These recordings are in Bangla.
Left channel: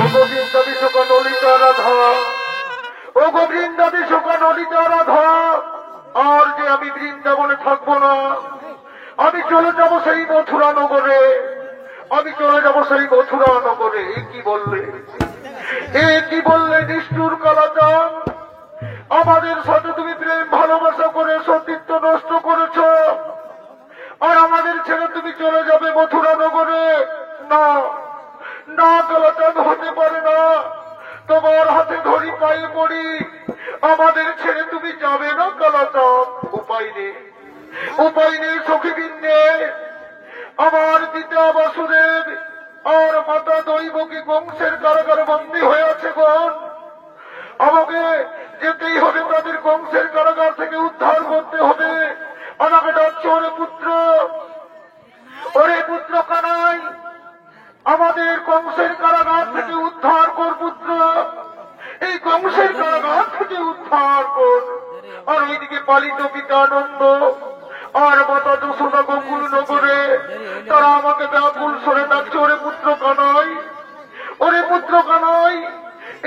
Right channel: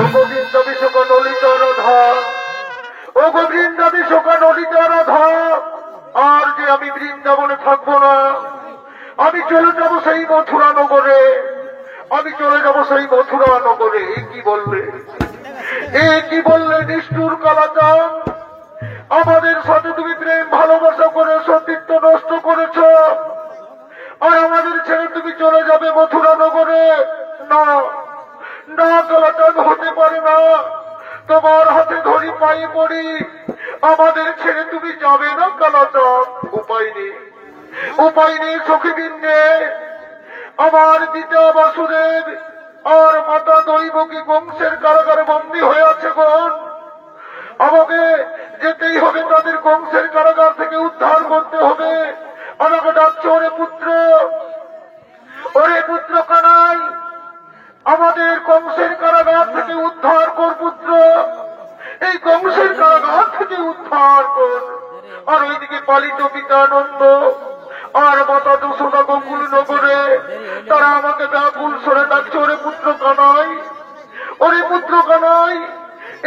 ও গোবিন্দ বিশ্বকা ললিতা রাধা, ও গোবিন্দ বিশ্বকা ললিতা রাধা, আর যে আমি বৃন্দাবনে থাকবো না, আমি চলে যাব সেই মথুরা নগরে, আমি চলে যাব সেই মথুরা নগরে। কি বললে, কি বললে নিষ্ঠুর কালাচাঁদ, আমাদের সাথে তুমি প্রেম ভালোবাসা করে সতীত্ব নষ্ট করেছ, আর আমাদের ছেড়ে তুমি চলে যাবে মথুরা নগরে। না না কালাচাঁদ, হতে পারে না, তোমার হাতে ধরি, পায়ে পড়ি, আমাদের ছেড়ে তুমি যাবে না কালাচাঁদ। উপায় নেই, উপায় নেই সখীবৃন্দে, আমার পিতা বাসুদেব আর মাতা দৈবকী কংসের কারাগারে বন্দী হয়ে আছে গণ, আমাকে যেতেই হবে, তাদের কংসের কারাগার থেকে উদ্ধার করতে হবে। আমাকে ডাকছে, ওরে পুত্র, ওরে পুত্র কানাই, আমাদের কংসের কারাগার থেকে উদ্ধার কর পুত্র, এই কংসের কারাগার থেকে উদ্ধার কর। আর ওইদিকে পালিত পিতানন্দ আর মাতা যশোদা গোকুল নগরে তারা আমাকে ব্যাকুল স্বরে ডাকছে, ওরে পুত্র কানাই, ওরে পুত্র কানাই,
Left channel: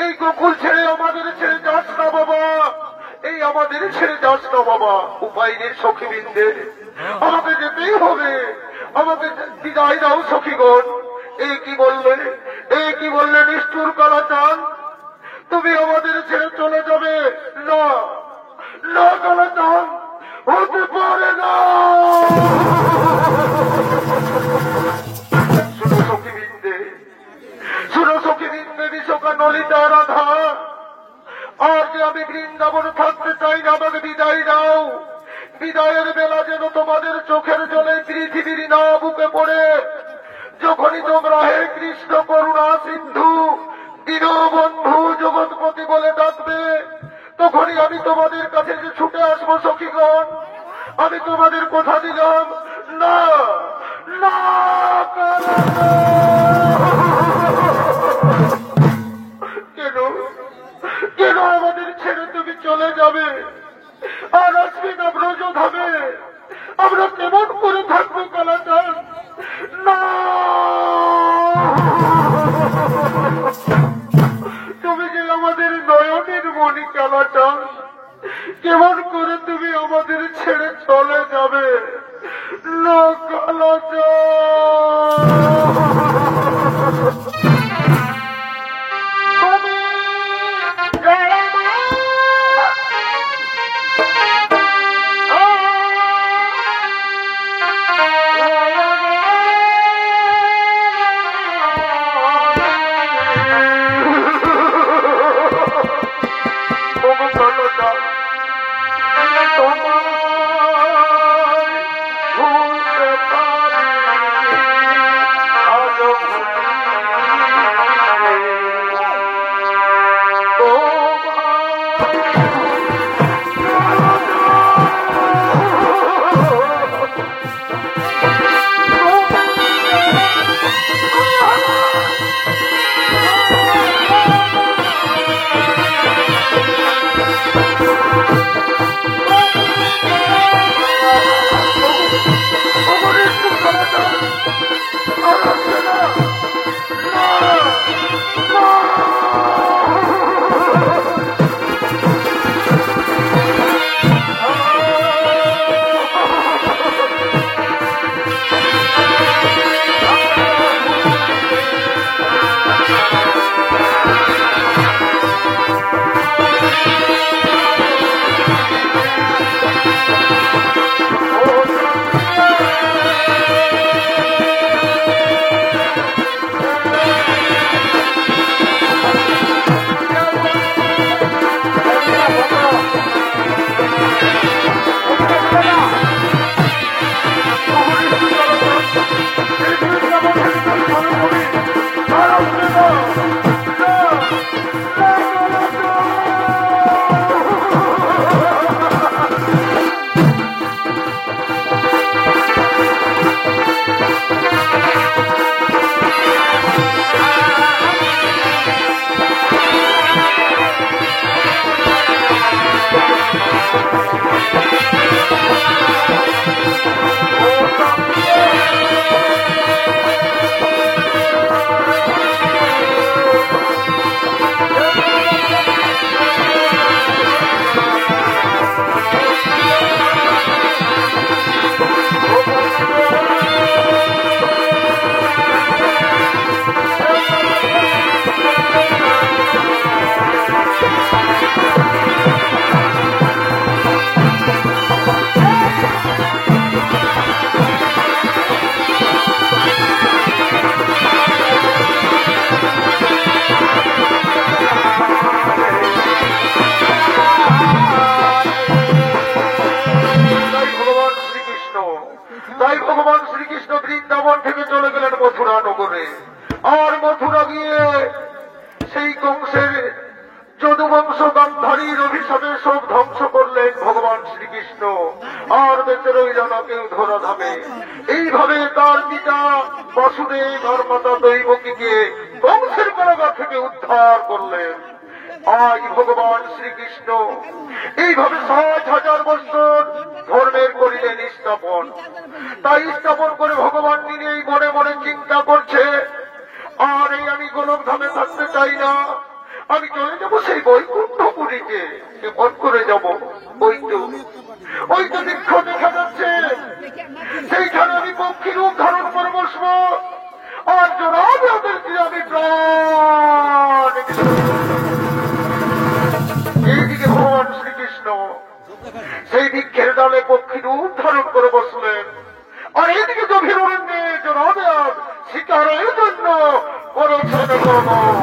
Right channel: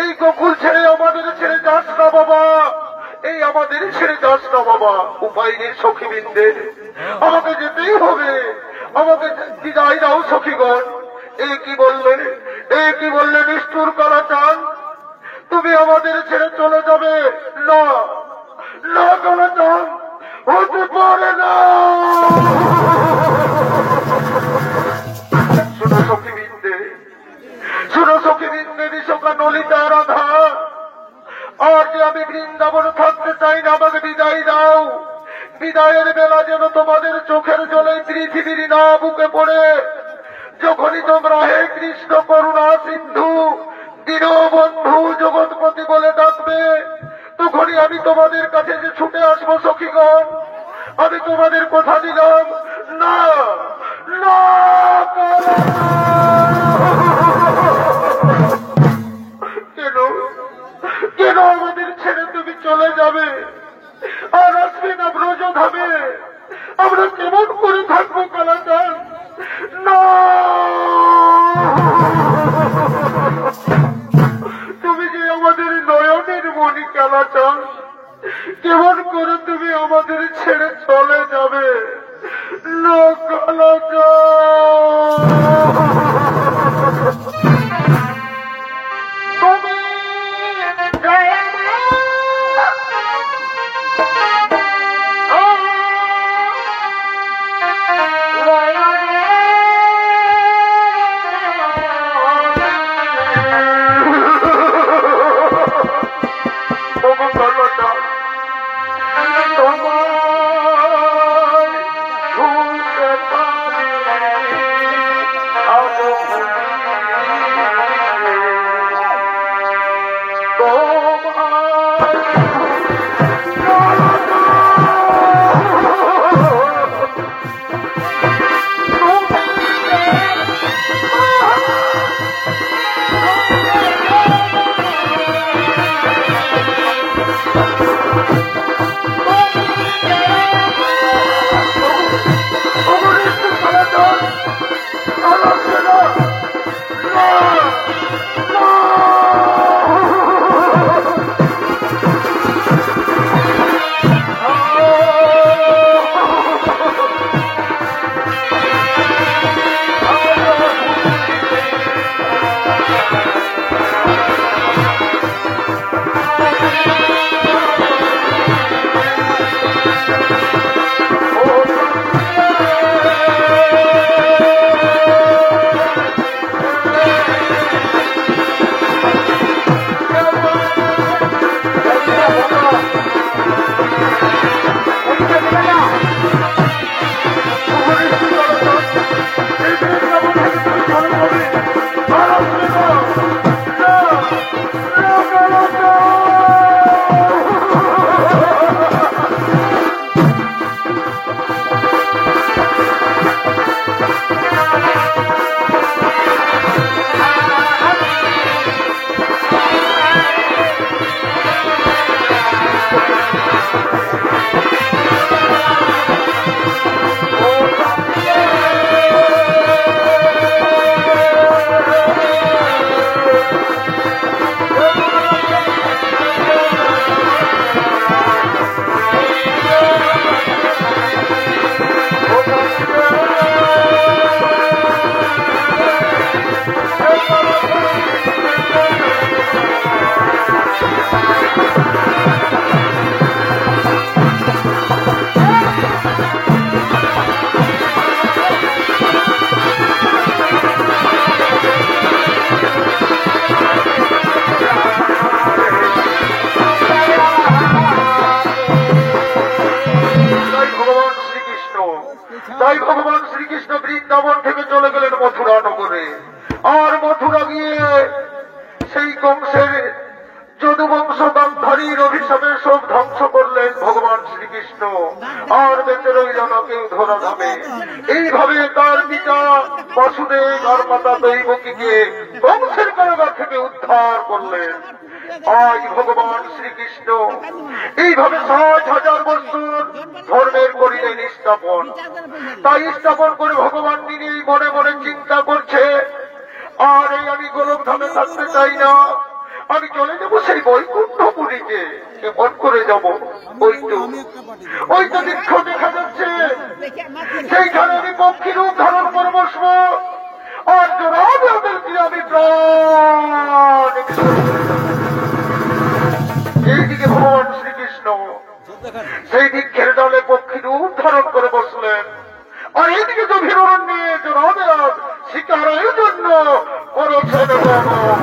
এই গোকুল ছেড়ে আমাদের ছেড়ে যাস না বাবা, এই আমাদের ছেড়ে যাস না বাবা। উপায় নেই সখীবৃন্দের, আমাকে যেতেই হবে, আমাকে বিদায় দাও সখীগণ। এই কি বললে, এই কি বললে নিষ্ঠুর কালাচাঁদ, তুমি আমাদের ছেড়ে চলে যাবে? না না কালাচাঁদ, হতে পারে না। শুনো সখীবৃন্দে, শুনো সখীবৃন্দে, বিশ্বকা ললিতা রাধা, আর যে আমি বৃন্দাবনে থাকতে চাই না, আমাকে বিদায় দাও। বিদায়ের বেলা যেন তোমাদের চোখের জলে পৃথিবীর না বুকে পড়ে, যখনই তোমরা হে কৃষ্ণ করুণা সিন্ধু দীনবন্ধু জগৎপতি বলে ডাকবে, তখনই আমি তোমাদের কাছে যে ছুটে আসবো সখীগণ। আমি তোমাদের কথা দিলাম, না না কেন, কেন আমাদের ছেড়ে তুমি চলে যাবে আর আসবে না ব্রজধামে? আমরা কেমন করে থাকবো কালাচাঁদ? না, তুমি যে আমাদের নয়নের মণি কালাচাঁদ, কেমন করে তুমি আমাদের ছেড়ে চলে যাবে? না কালাচাঁদ, তুমি গেলেন মথুরা নগরে। আর মথুরা গিয়ে সেই কংসের যদুবংশ গান্ধারীর অভিশাপে সব ধ্বংস করলেন ভগবান শ্রীকৃষ্ণ। আর বেঁচে রইল না কেউ ধরাধামে। এইভাবে তার পিতা বাসুদেব আর মাতা দৈবকীকে কংসের কারাগার থেকে উদ্ধার করলেন। আজ ভগবান শ্রীকৃষ্ণ এইভাবে 60,000 বছর ধর্মের করিলেন স্থাপন। তাই স্থাপন করে ভগবান নিজেই মনে মনে চিন্তা করছে, আর এই আমি গোলকধামে থাকতে চাই না, আমি চলে যাবো সেই বৈকুণ্ঠপুরীতে। কেমন করে যাব? ওই তো দীর্ঘ দেখা যাচ্ছে, সেইখানে আমি পক্ষী রূপ ধারণ করে বসবো। আর জোড়াদেরকে আমি প্রাণ। এইদিকে ভগবান শ্রীকৃষ্ণ সেই বৃক্ষের ডালে পক্ষী রূপ ধারণ করে বসলেন। আর এইদিকে গভীর অরণ্যে জোড়াদেব শিকারের জন্য করেছেন ভ্রমণ।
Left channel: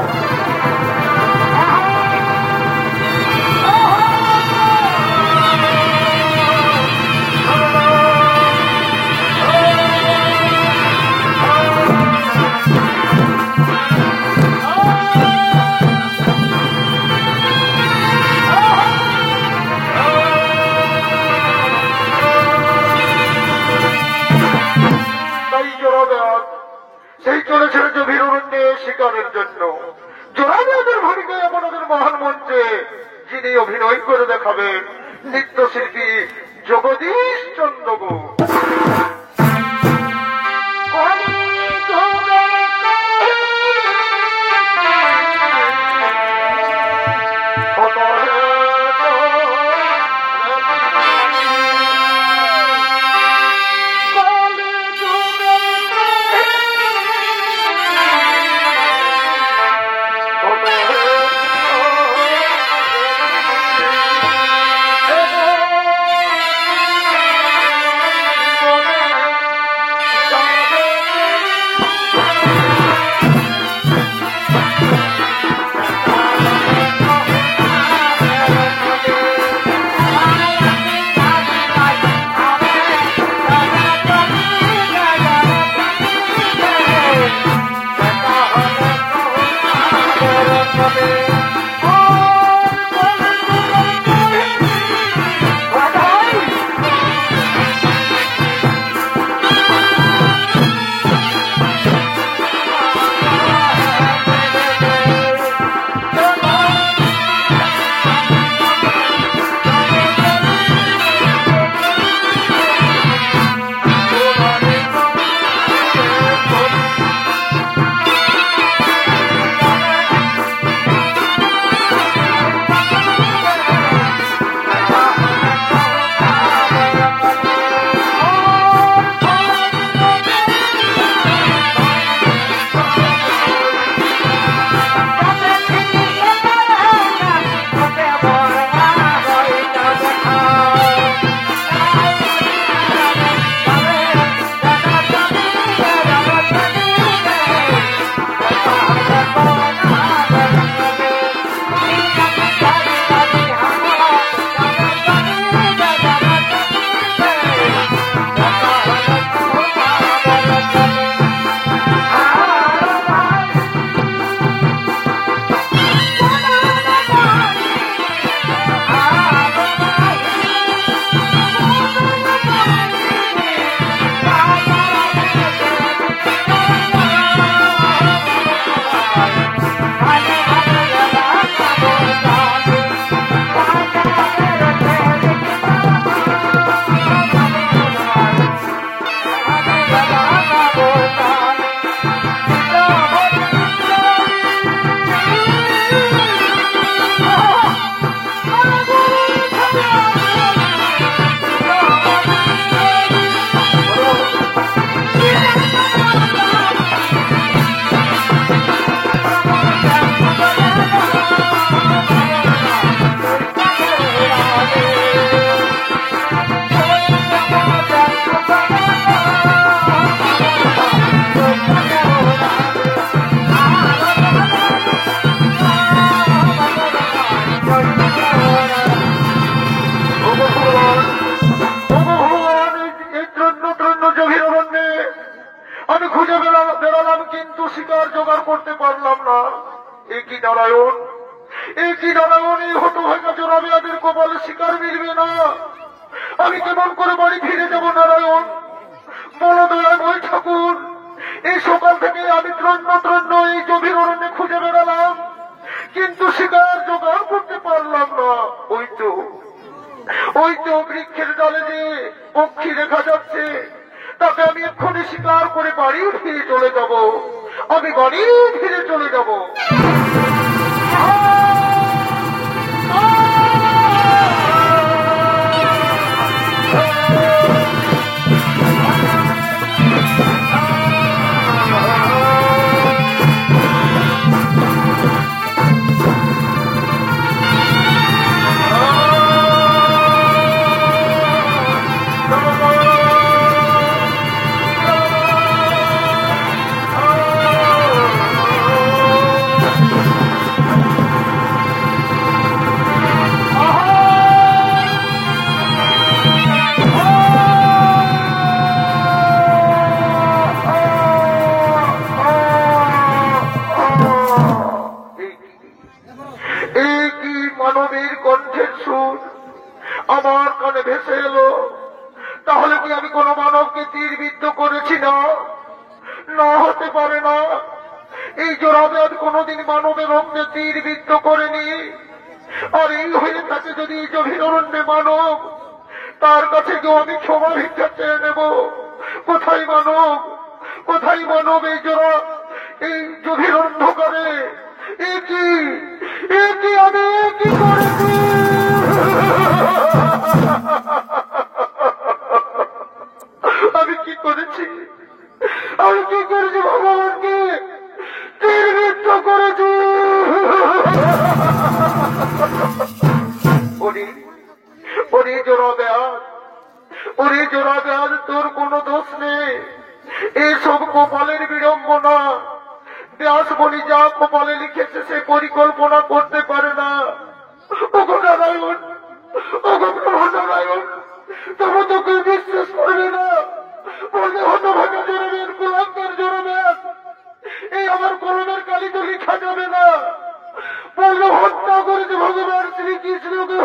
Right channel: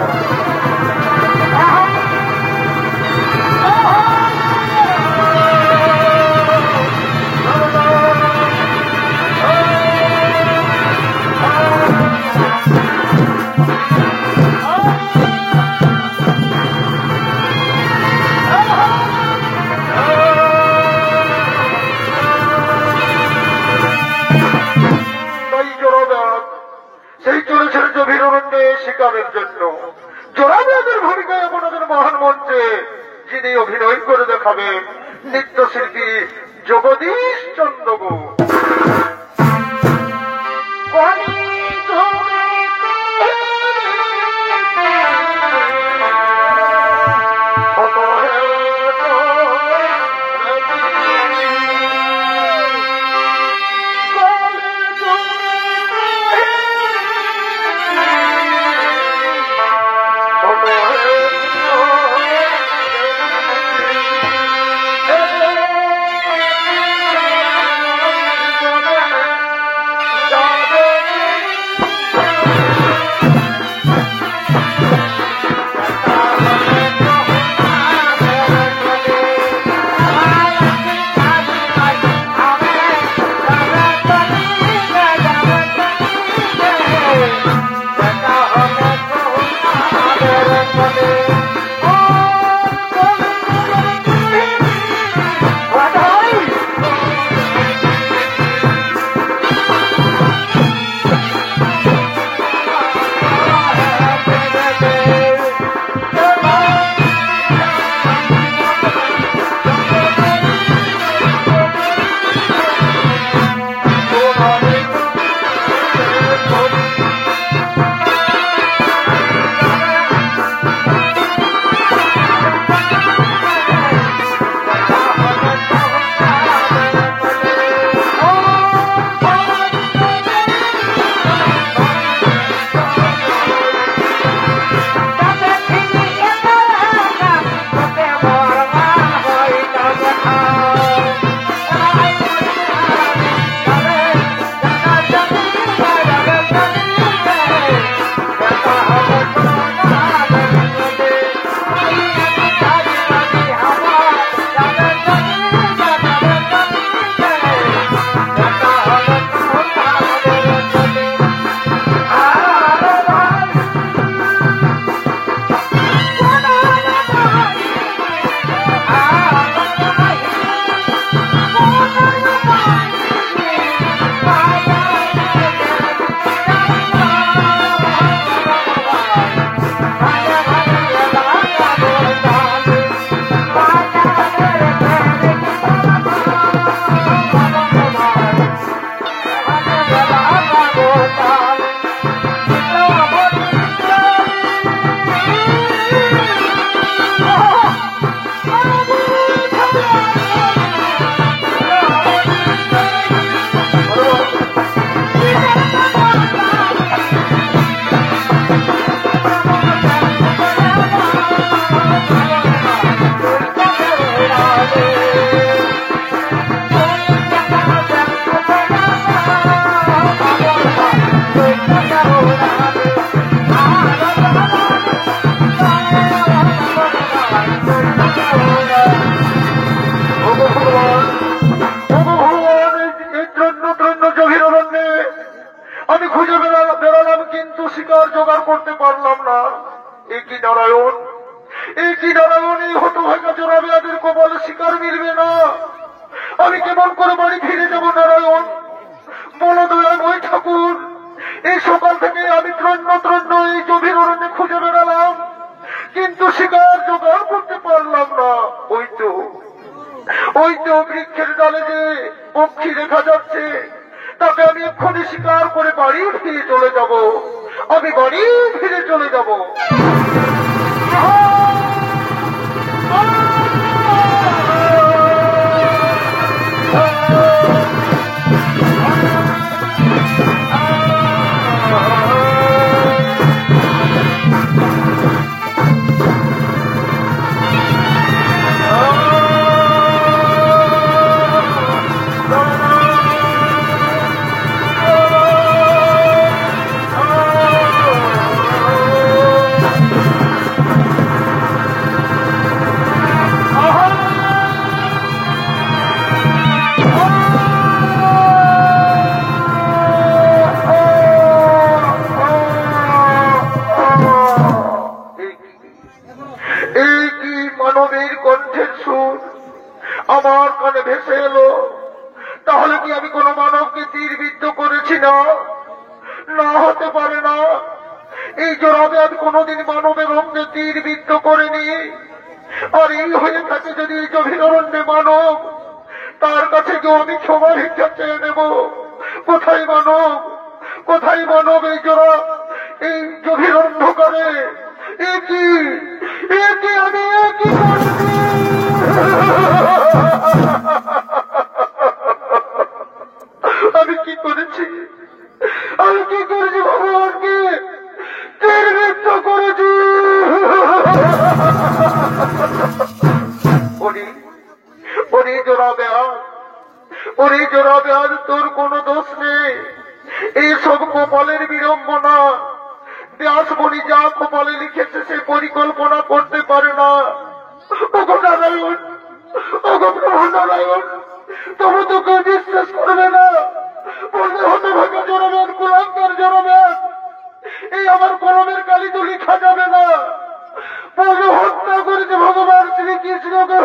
সেই চলেছেন গভীর অরণ্যে শিকারের জন্য। জোড়াদের ভূমিকায় আপনাদের মহান মঞ্চে যিনি অভিনয় করে দেখাবেন নৃত্যশিল্পী জগদীশ চন্দ্র গুহ। আমি খুঁজে পেলাম কিন্তু শিকার জোগাড় করতে পারলাম না। এ কি নারায়ণ, এই কি নারায়ণ, এই হতভাগা জোড়াবেয়াদের কপালে শিকার মিলবে না। আমি কেমন করে বাড়ি ফিরে যাব নারায়ণ? বলো দয়াময় ঠাকুর। এই সকাল থেকে আমি ত্রন্য ত্রন্য এই গভীর অরণ্যে খুঁজে বেড়ালাম, কিন্তু শিকার জোগাড় করতে পারলাম না। ওই তো বৃক্ষের ডালে যে পক্ষী দেখা যাচ্ছে, তাকে আমি এক্ষুনি শিকার করে বাড়ি ফিরে চলে যাব। আমি বাড়ি ফিরে চলে যাব। আমার কানে ভেসে এলো। তাহলে কি আমি কোন মানবকে তীরবিদ্ধ করেছি? না, না হতে পারে না। এই জোড়াবেয়াদ কোনদিন মানবের অঙ্গে তীরবিদ্ধ করেনি। আর এই হয়ে থাকে যদি এই গভীর অরণ্যে মানব, তার কাছে গিয়ে আমি ক্ষমা ভিক্ষা চেয়ে নেব। কোথায় মানব, কোথায় মানব? এই জোড়া, এই গভীর অন্ধকারে একই আমি কি করেছি? আমি কি করেছি? আমি কি করেছি? ভগবানকে তীরবিদ্ধ করেছি। ওরে জোড়াবেয়াদ, ওরে জোড়াবেয়াদ, তোর কোন দোষ নেই। এইসব কপালের বিড়ম্বনা। ব্যাস বলি যা কপালে লিখেছে সে পরিকল্পনা করতে পারে না। ওগো নারায়ণ, ওগো প্রভু নারায়ণ, তবে তো কেউ বিশ্বাস করবে না। হতভাগা জোড়াবেয়াদ, কুলাঙ্গার জোড়াবেয়াদ, এই আমার কলমের কালি তো লিখা যাবে না। পূর্ণ হত্যা করেছে ভগবান শ্রীকৃষ্ণকে।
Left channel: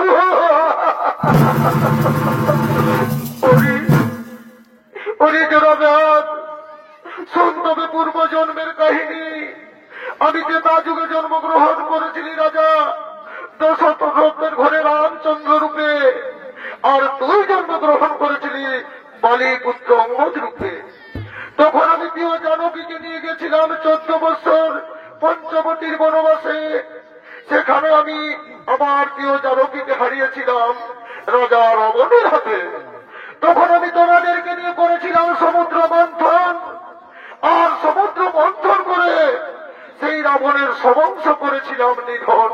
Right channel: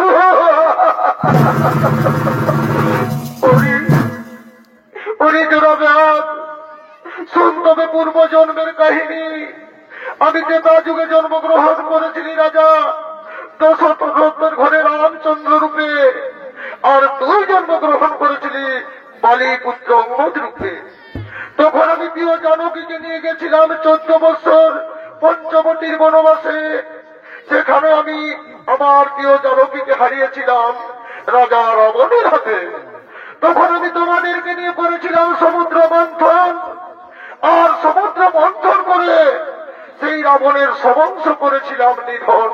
ওরে জোড়াবেয়াদ, শোন তবে পূর্ব জন্মের কাহিনী। আমি যে তা যুগে জন্মগ্রহণ করেছিলি রাজা দশরথের ঘরে রামচন্দ্র রূপে, আর তুই জন্মগ্রহণ করেছিলি বালি পুত্র অঙ্গদ রূপে। তখন আমি প্রিয় জানকীকে নিয়ে গেছিলাম 14 বছর পঞ্চবতীর বনবাসে। সেখানে আমি আমার প্রিয় জানকীকে হারিয়েছিলাম রাজা রাবণের হাতে। তখন আমি তোমাদেরকে নিয়ে করেছিলাম সমুদ্র মন্থন, আর সমুদ্র মন্থন করে সেই রাবণের সমংশ করেছিলাম নিধন।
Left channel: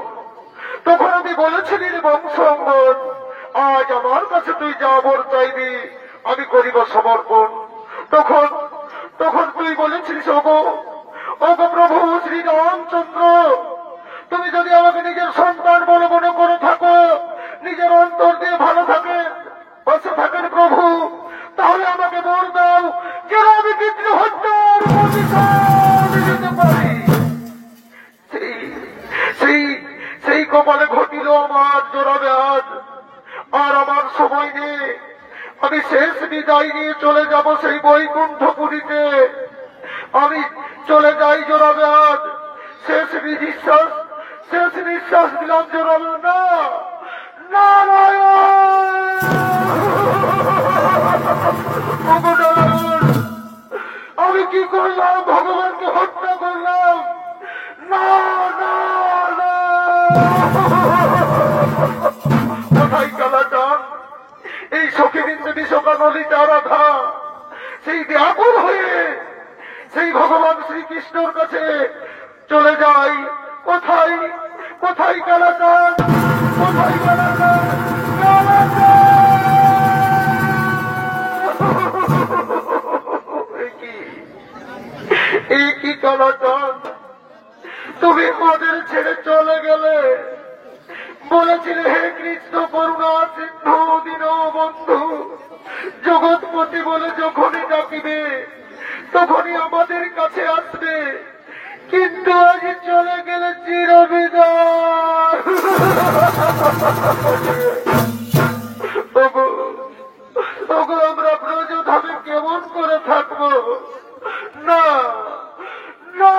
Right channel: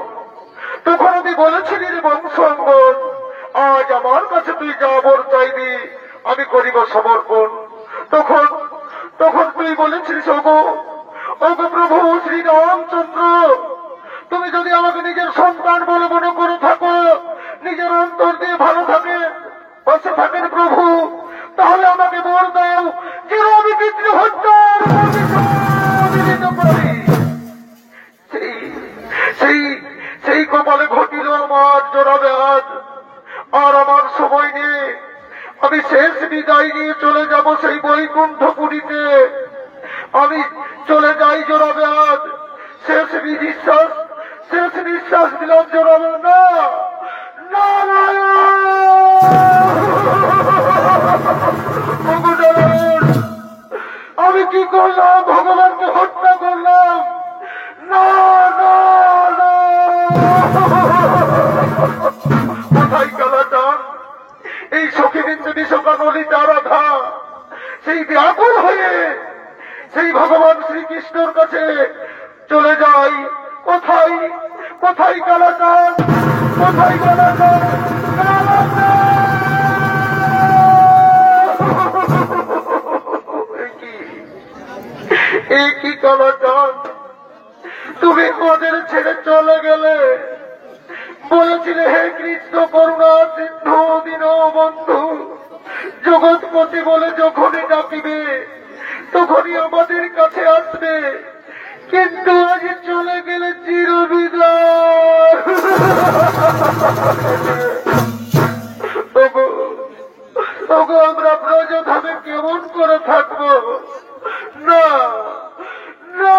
তখন আমি বলেছিলি বংশঙ্গন, আজ আমার কাছে তুই যা বর চাইবি আমি করিব সমর্পণ। তখন তুই বলেছিলিস, ওগো প্রভু শ্রী রামচন্দ্র, তুমি যদি আমাকে নিজের সন্তান বলে মনে করে থাকো, নিজের অন্তর দিয়ে ভালো থাকে বসে থাকেন প্রভু, তাহলে আমাকে বর দাও যেন আমি পিতৃ হত্যার দিতে পারি। সেই কপালে ঘটিল আমার জোড়াবেয়াদ। আর আমার সময় নেই, আমি শেষ বিদায় নিয়ে চলে যাব সেই বৈকুণ্ঠপুরীতে। আমি চলে যাই জোড়াবেয়াদ। শেষ নিঃশ্বাস দিলাম জোড়াবেয়াদ। না নারায়ণ, আমি কি করলাম? ভগবানকে হত্যা করলাম। না না না, কোথায় কালাচান? এই সখীবিন্দু বিশোকা নলিতা রাধা সেই ব্যাকুল হয়ে সেই ভগবান শ্রীকৃষ্ণর কাছে চলে যাই। কোথায় কোথায় কালাচান? কোথায় কালাচান? কি কালাচান, তুমি আমাদের ছেড়ে চলে গেলে। বলেছিলে হে কৃষ্ণ করুণা সিন্ধু দীনবন্ধু, জগৎপতি বলে যখনই ডাকিবে তখনই আমাদের কাছে আসবে, কিন্তু আগে চলে গেলে চিরবিদায়। ওগো আমরা ব্রজধামে কেমন করে থাকবো? না না,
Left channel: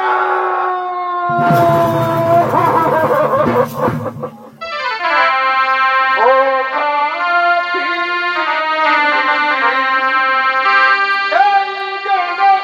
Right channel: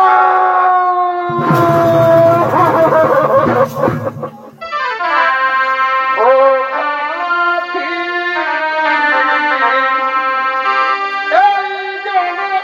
ও কাঠি, এই জগতে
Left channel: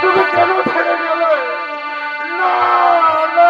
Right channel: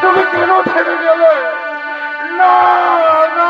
তুমি কেন ছেড়ে গেলে? না না,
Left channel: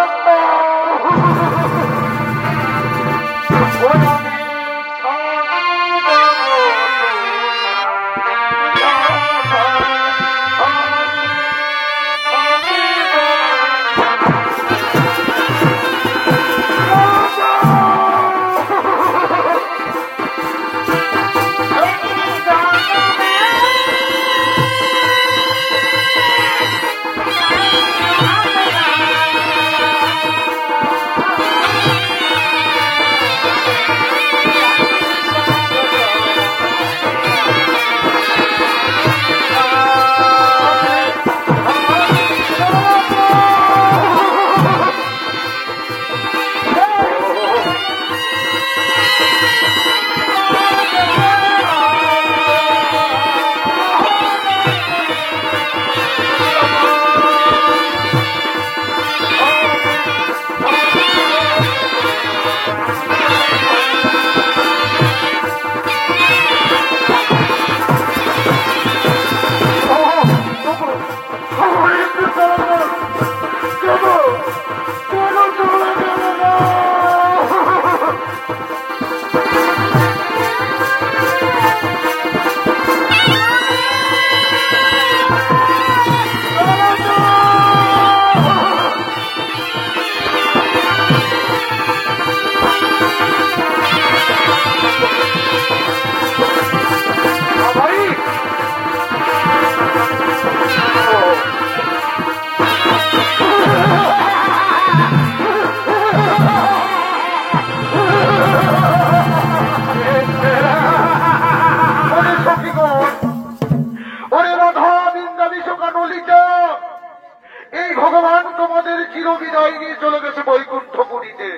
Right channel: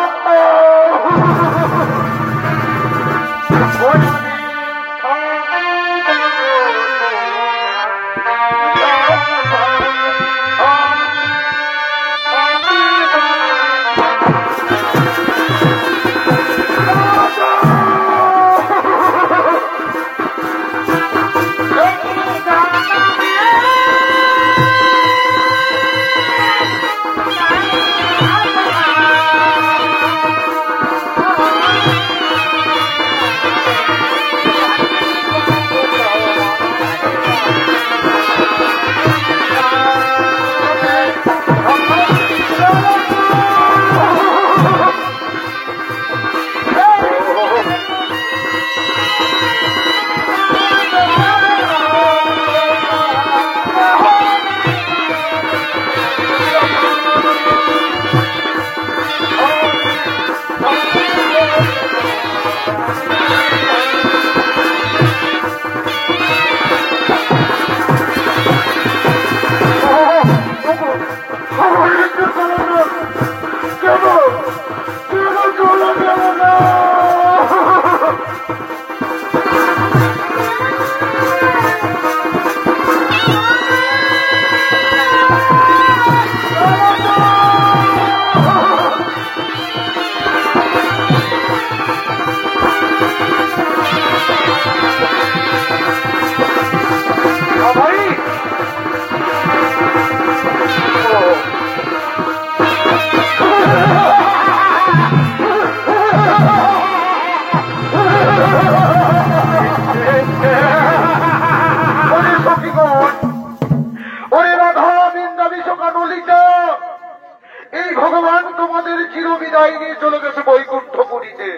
এই ভগবান তোমাদের চিরবিদায় নিয়ে চলে গেছে বৈকুণ্ঠপুরীতে।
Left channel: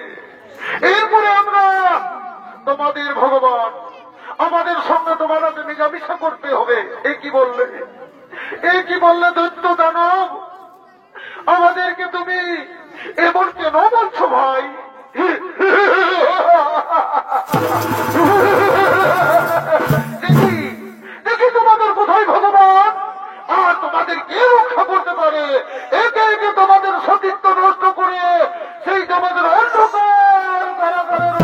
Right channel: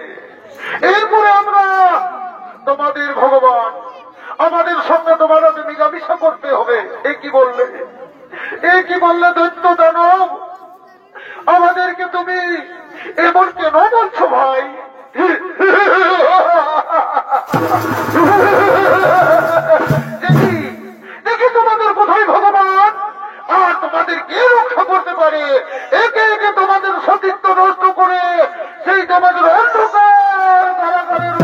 এরপরে আমরা তোমাদের ভগবান, আমাদের সঙ্গে তোমাদের মিলামিশা করতে হবে। এ কি বললে, এ কি বললে দৈত্য দানব? আমাদেরকে তুমি এমন কেন বলছো ভাই? দেখি দেখি তোমাদের কোথায় ভগবান, আর তোমাদের কে রক্ষা করতে পারে? একে একে তোমাদের সতীত্ব নষ্ট করে সেই তোমাদের অন্ধকার কারাগারের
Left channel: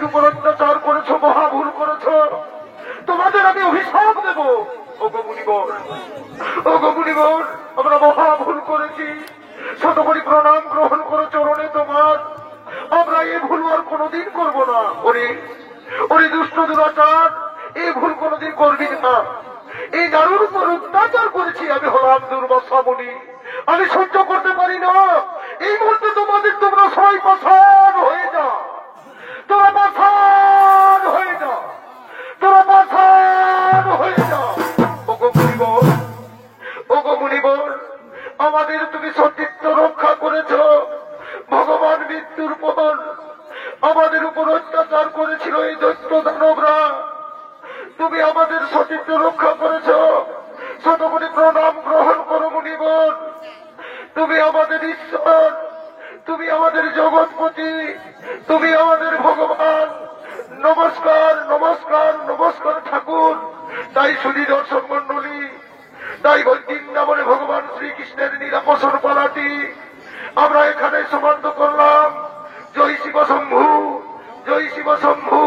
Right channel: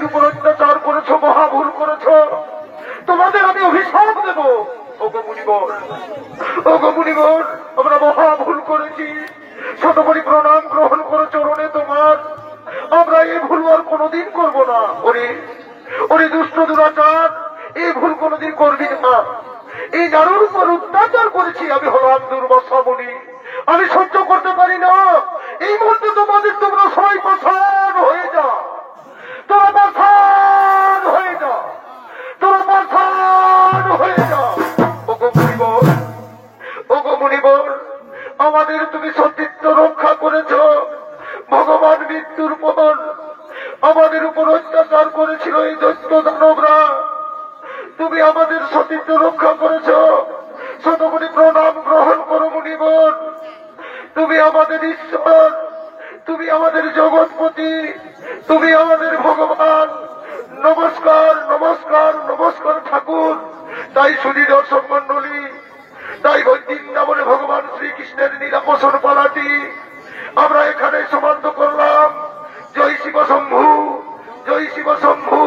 পৃথিবীর উপর অত্যাচার করেছো, মহা ভুল করেছো, তোমাদের আমি অভিশাপ দেব। ওগো মুনিবর, ওগো মুনিবর, আমরা মহা ভুল করেছি, শতকোটি প্রণাম গ্রহণ করো চরণে তোমার। আমরা এই ভুল আর কোনোদিন করব না। ওরে ওরে দুষ্ট দুরাচার, এই ভুল কোনোদিন করবি না। এই নারুর উপর অত্যাচার করেছি, আমি হলাম দুর্বাসা মুনি, আমি সহ্য করতে পারি না। এই মুহূর্তে তোমাদের তোমরা সবাই পাষাণ হয়ে যা, তোরা পাষাণ হয়ে যা, তোরা পাষাণ হয়ে যা। ওগো মুনিবর, ওগো মুনিবর, আমাদের তুমি সতীত্ব রক্ষা করেছ। ভগবান মৃত্যুর পর আমাদের উপর অত্যাচার করেছিল এই দৈত্য দানবরা, তুমি আমাদের সতীত্ব রক্ষা করেছ। শতকোটি প্রণাম গ্রহণ করো মুনিবর, তুমি আমাদের ঈশ্বর, তুমি আমাদের জগৎপতি, তুমি আমাদের ভগবান। নমস্কার নমস্কার নমস্কার ঠাকুর। তাই শুধু দর্শক মন্ডলী, তাই বৃন্দাবনে ভগবান শ্রীকৃষ্ণের নীলাপসন পালাটি আমরা এখানে সমাপ্ত করলাম। জয় শিব শম্ভু, জয় শিব শম্ভু।